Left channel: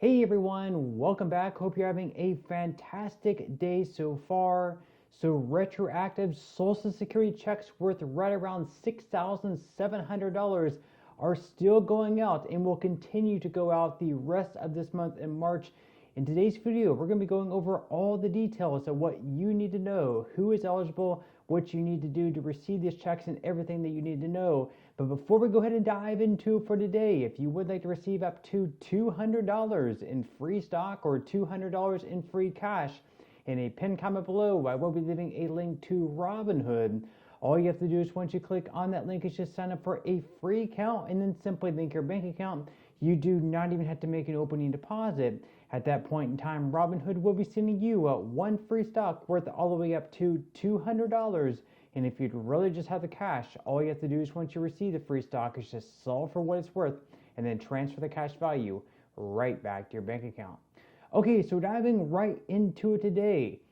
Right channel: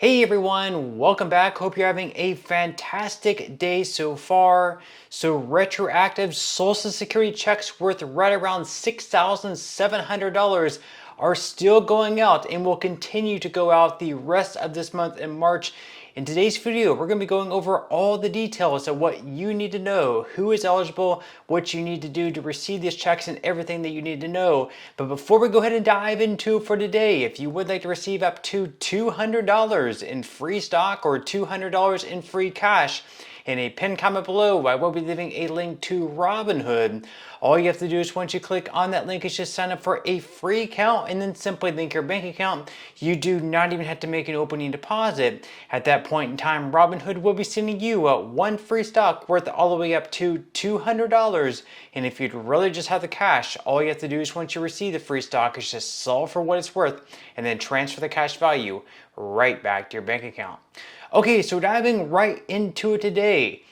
Hey everyone, welcome back. Hope you're having a fantastic day so far. So retroactive Social Security checks worth right around $6,700 are still going out and will continue to go out the rest of this month in March. In today's video, we're going to be going over all the details of what you need to know, who is eligible, what you need to do to receive these checks, and everything that you need to know. But before we go ahead and dive into it for today, if you would like to receive up to $200 in free stock or $200 in free cash, in a pinned comment below, I will be leaving a link to Robinhood. All you have to do is once you click on that link is just sign up for a free account and then simply link your bank account. You do not even have to make an opening deposit. At that point in time, Robinhood will be sending you one free stock worth all the way up to $200. And if you'd really just have the cash, all you have to do is once you receive the free stock is just sell for what it's worth and then transfer the cash value right back to your bank account. Okay, so diving right into it today,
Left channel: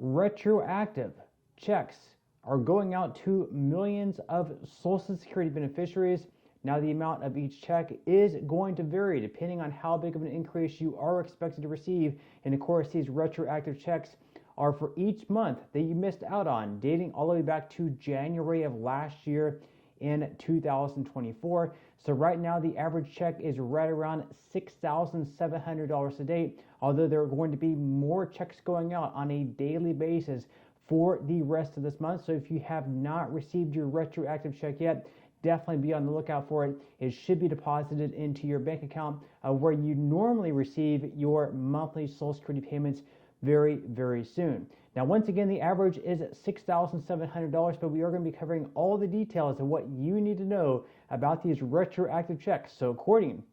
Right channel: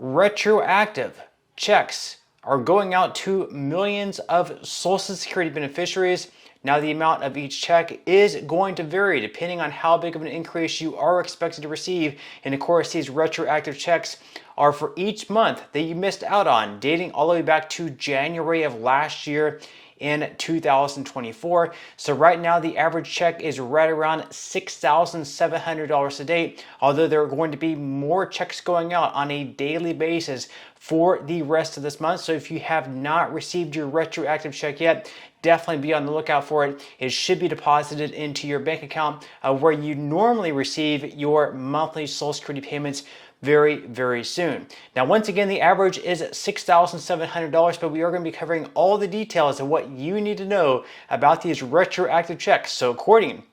retroactive checks are going out to millions of Social Security beneficiaries. Now, the amount of each check is going to vary depending on how big of an increase you are expected to receive. And of course, these retroactive checks are for each month that you missed out on, dating all the way back to January of last year in 2024. So right now the average check is right around $6,700 a day, although there are going to be more checks going out on a daily basis for the rest of this month. So if you have not received your retroactive check yet, definitely be on the lookout for it. It should be deposited into your bank account where you normally receive your monthly Social Security payments very, very soon. Now, once again, the average is $6,700, but we are going to be covering all the details of what you need to know about these retroactive checks. So according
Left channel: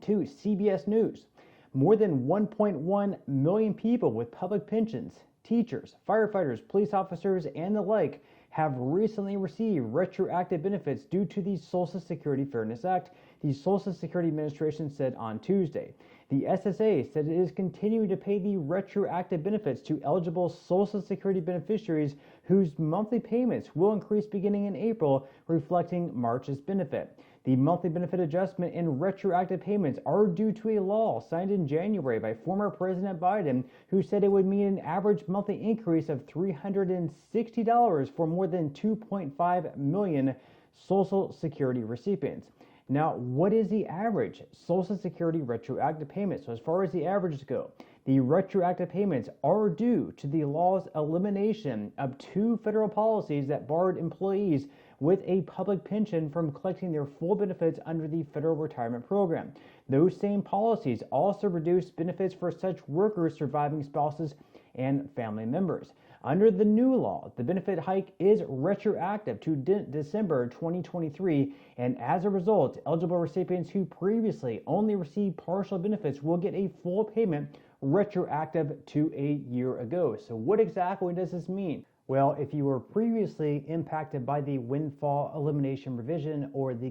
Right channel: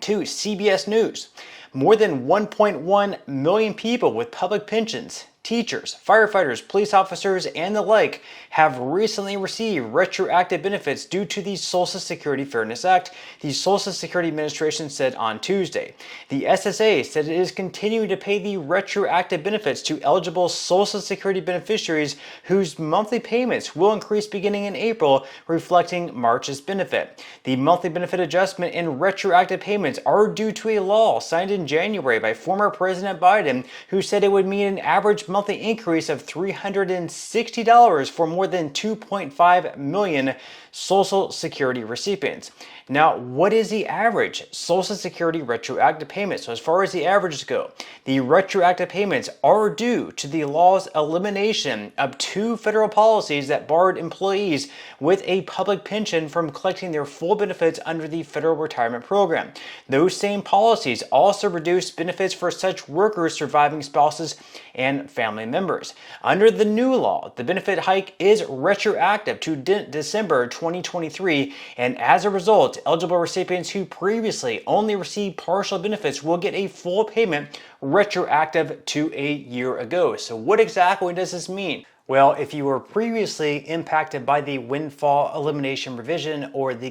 to CBS News, more than 1.1 million people with public pensions, teachers, firefighters, police officers, and the like have recently received retroactive benefits due to the Social Security Fairness Act, the Social Security Administration said on Tuesday. The SSA said it is continuing to pay the retroactive benefits to eligible Social Security beneficiaries whose monthly payments will increase beginning in April, reflecting March's benefit. The monthly benefit adjustment and retroactive payments are due to a law signed in January by former President Biden, who said it would mean an average monthly increase of $360 for more than 2.5 million Social Security recipients. Now, what is the average Social Security retroactive payment? So as far as the averages go, the retroactive payments are due to the law's elimination of two federal policies that barred employees with a public pension from collecting their full benefits under the federal retirement program. Those same policies also reduced benefits for such workers' surviving spouses and family members. Under the new law, the benefit hike is retroactive to December 2023, and as a result, eligible recipients who previously only received partial benefits will get a full payment retroactive to a year ago. So what exactly does this mean? Well, if you were previously impacted by the windfall elimination provision or the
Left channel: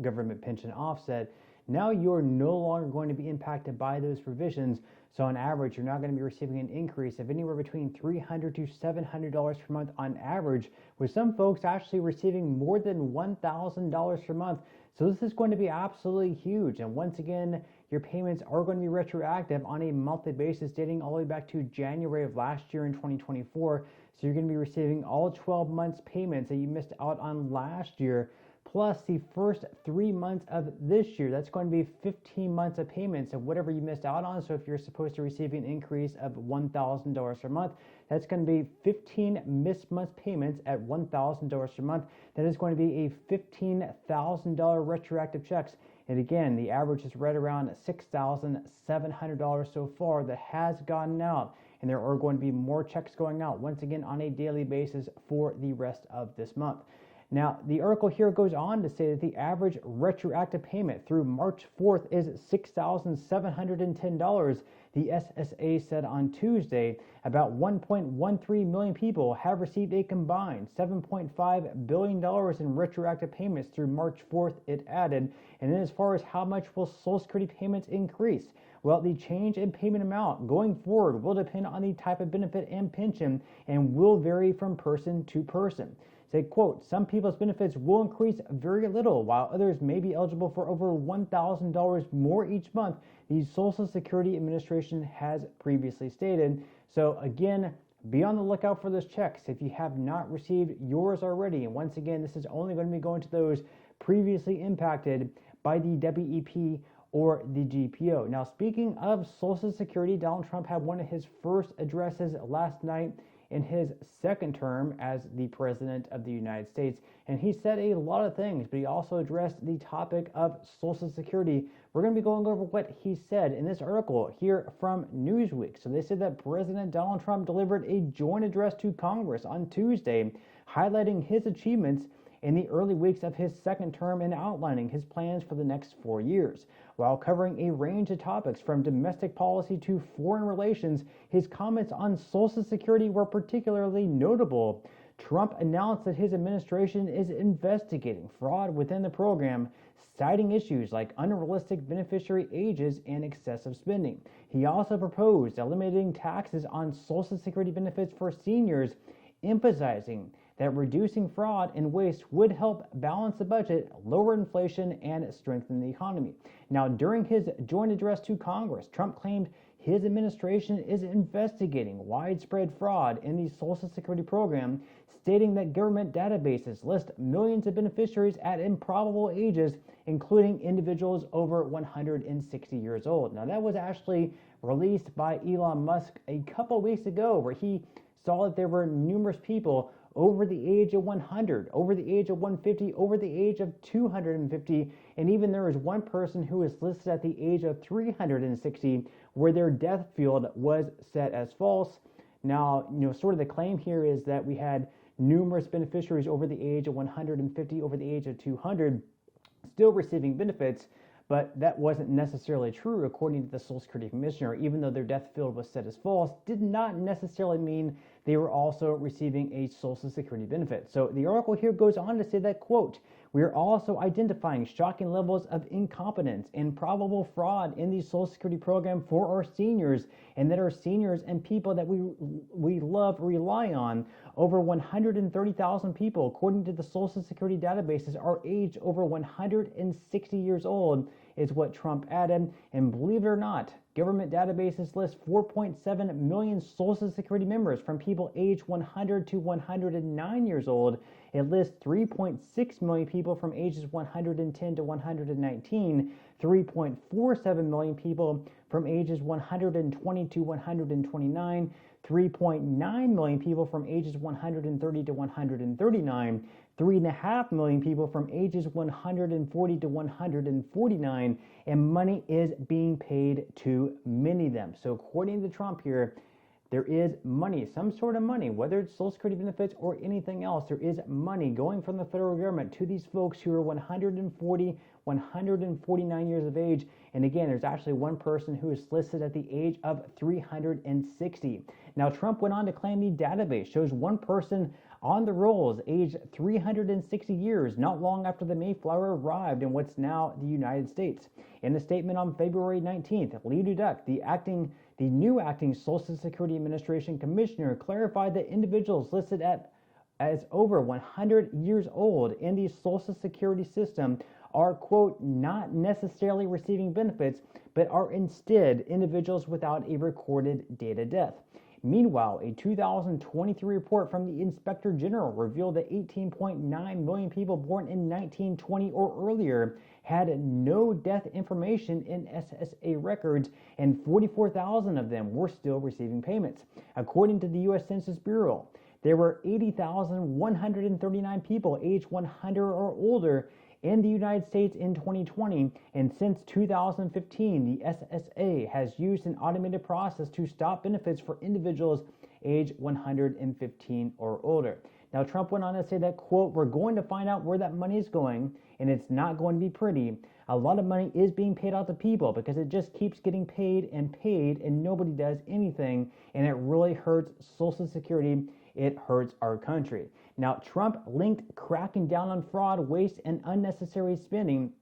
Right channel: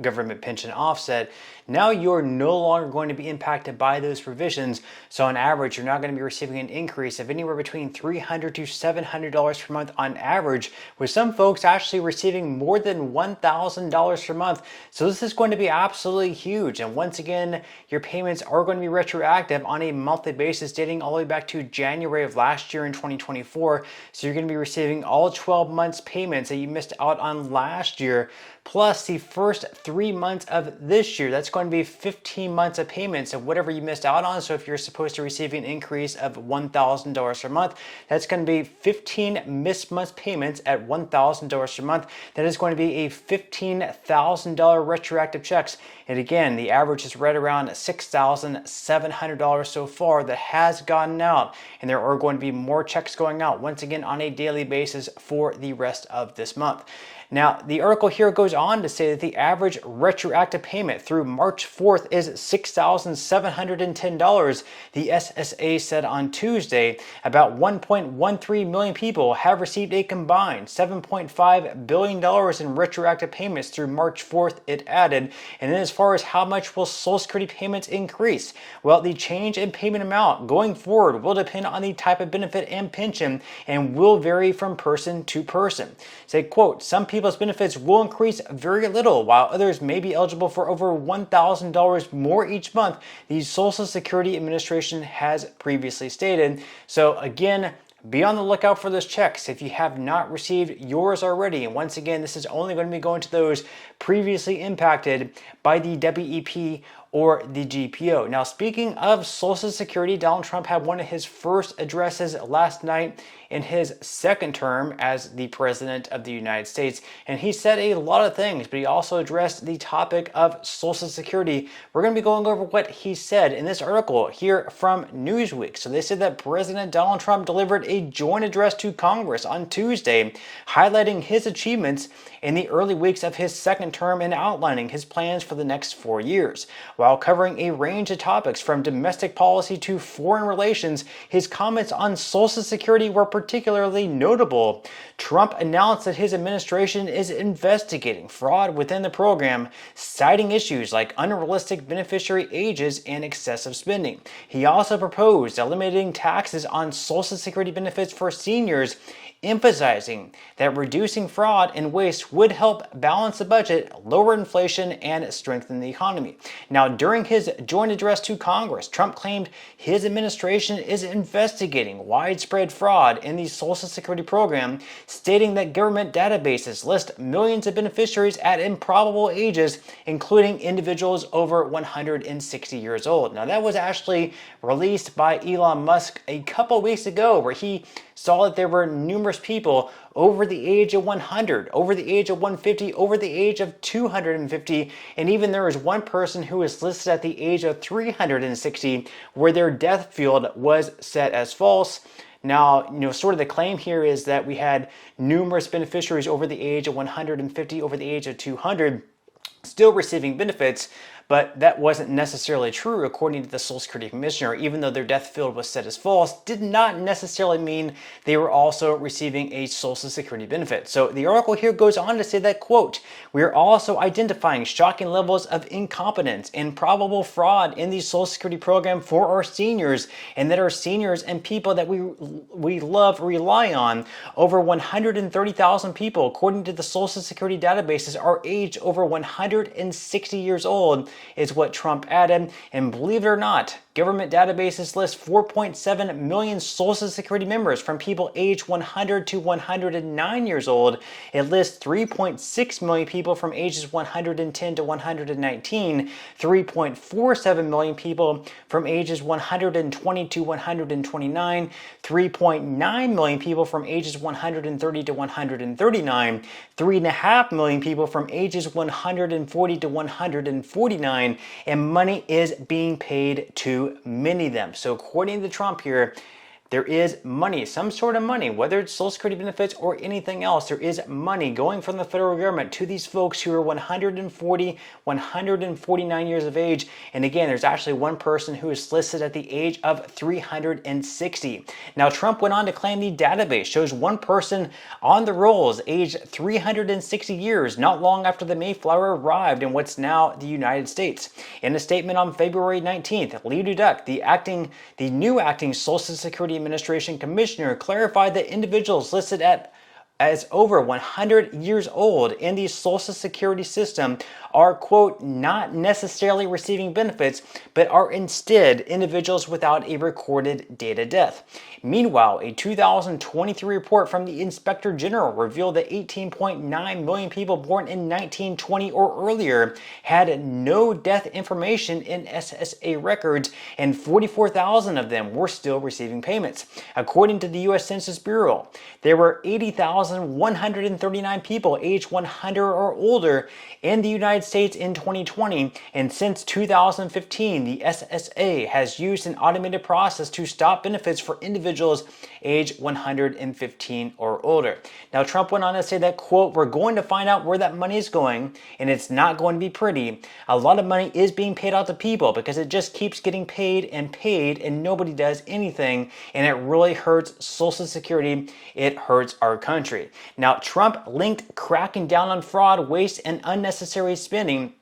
government pension offset, now you're no longer going to be impacted by those provisions. So on average, you're not going to be receiving an increase of anywhere between $300 to $700 per month on average, with some folks actually receiving more than $1,000 per month. So this is going to be absolutely huge. And once again, your payments are going to be retroactive on a monthly basis dating all the way back to January of last year in 2024. So you're going to be receiving all 12 months payments that you missed out on last year, plus the first 3 months of this year. That's going to be 15 months of payments of whatever you missed out on. So if you're supposed to receive an increase of $1,000 per month, that's going to be 15 missed months payments at $1,000 per month. That is going to be a $15,000 retroactive checks. And again, the average is right around $6,700 so far that has gotten out. And there are going to be more checks going out once again on a daily basis for the rest of this month. Now, the article here goes on to say that the average retroactive payment through March 4th is $6,710. The SSA said on Tuesday about 1.13 million people have received a combined $7.5 billion in retroactive payments through March 4th, it added. And then as far as how much will Social Security payments increase? Well, the change in payment amount going forward will depend on the type of benefit and pension and will vary from person to person. Say, quote, some people people's benefits will increase very little, while others may be eligible for over $1,000 more each month, the Social Security Administration has previously stated. So again, be on the lookout for those checks if you have not received yours already. And once again, this is only going to be going to those previously impacted by the WEP or the GPO. Now, speaking of Social Security, Donald Trump had one of his first addresses last night in his second term as the President of the United States. And he said a lot of things, but he also addressed the topic of Social Security. We're going to be going over what he said in this article here from Newsweek. So they said that President Donald Trump delivered a joint address to Congress on Tuesday, highlighting his achievements in the early weeks of his second term and outlining his plans for the next 4 years. While covering a range of topics from domestic policy to foreign relations, his comments on Social Security were particularly notable. Trump announced that his administration is investigating fraud within the program, citing issues like unrealistic beneficiary ages and excessive spending. He also proposed eliminating taxes on Social Security benefits for seniors, emphasizing that reducing fraud and waste would help balance the budget, lower inflation, and strengthen the economy. Now, during his joint address to Congress, Trump claimed his administration is investigating widespread fraud in the Social Security program, stating that government databases list millions of beneficiaries at improbable ages, including individuals over 160 years old. Now, that was actually released by Elon Musk a couple weeks ago, where he saw that there were numerous people over the age of 100, over the age of 150, over the age of 250, and even there was one person who was listed at the age of 360 where their death field was set as false. Now, sort of the claim here is that we had numerous beneficiaries over the age of 150, over the age of 200, still receiving benefits, but that wasn't necessarily true according to the Social Security Commissioner. Even though their death field was set as false, did not necessarily mean they were also receiving a Social Security benefit. So the article here goes on to say that, quote, "We are also identifying shocking levels of incompetence and probable fraud in the Social Security program for our seniors, and that our seniors and people that we love rely on. Over 130,000 people, according to the Social Security databases, are aged over 160 years old," is what Trump added. And believe it or not, government databases list 4.7 million Social Security members from people aged 100 to 109 years old. It lists 3.6 million people from ages 110 to 119, 3.47 million people from ages 120 to 129, 3.9 million people from ages 130 to 139, 3.5 million people from ages 140 to 149, and money is being paid to many of them. So according to Trump here, there is money, some sort of money, whether it's Social Security benefits or anything else, there is money going from the federal government to these folks who are 140, 149 years of age. And again, there's actually one person who is listed at the age of 360. Now, Trump went on to claim the database shows one person on the rolls aged 360 years, not long after the Mayflower arrived in what's now the United States. In a statement on February 19th, Lee Duduck, the new acting Social Security Administration Commissioner, clarified that individuals listed as over 100 years old in the Social Security system are, quote, not necessarily receiving benefits, but are instead individuals without a recorded date of death. Meanwhile, a 2023 report from the Inspector General revealed that 18.9 million people born in 1920 or earlier had no death information in SSA records, and 44,000 of them were still receiving payments. According to the U.S. Census Bureau, there were 80,139 people aged 100 or older in the United States in 2020, and since 2015, the SSA has used an automated process to stop benefits for individuals aged 115 or older. Now, Trump went on to say that, quote, "We're going to find out where that money is going, and it's not going to be pretty. A lot of money is being paid out to people because it just keeps getting paid, and nobody does anything, and it really hurts Social Security. It hurts our country." Now, Trump linked cracking down on fraud, waste, and unnecessary spending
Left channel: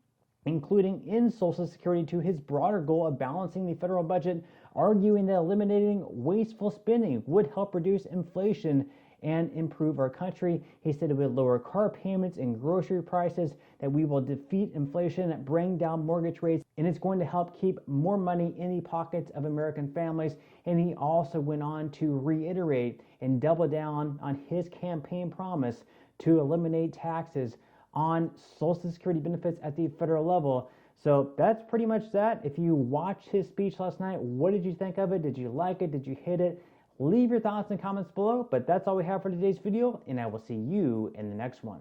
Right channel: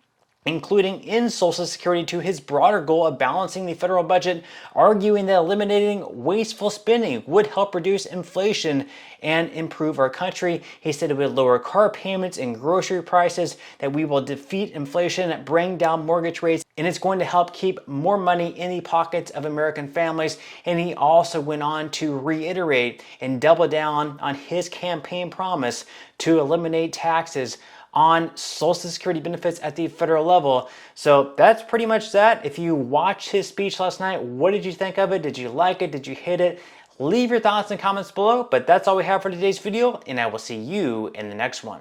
including in Social Security, to his broader goal of balancing the federal budget, arguing that eliminating wasteful spending would help reduce inflation and improve our country. He said it would lower car payments and grocery prices, that we will defeat inflation, bring down mortgage rates, and it's going to help keep more money in the pockets of American families. And he also went on to reiterate and double down on his campaign promise to eliminate taxes on Social Security benefits at the federal level. So that's pretty much that. If you watched his speech last night, what did you think of it? Did you like it? Did you hate it? Leave your thoughts and comments below, but that's all we have for today's video, and I will see you in the next one.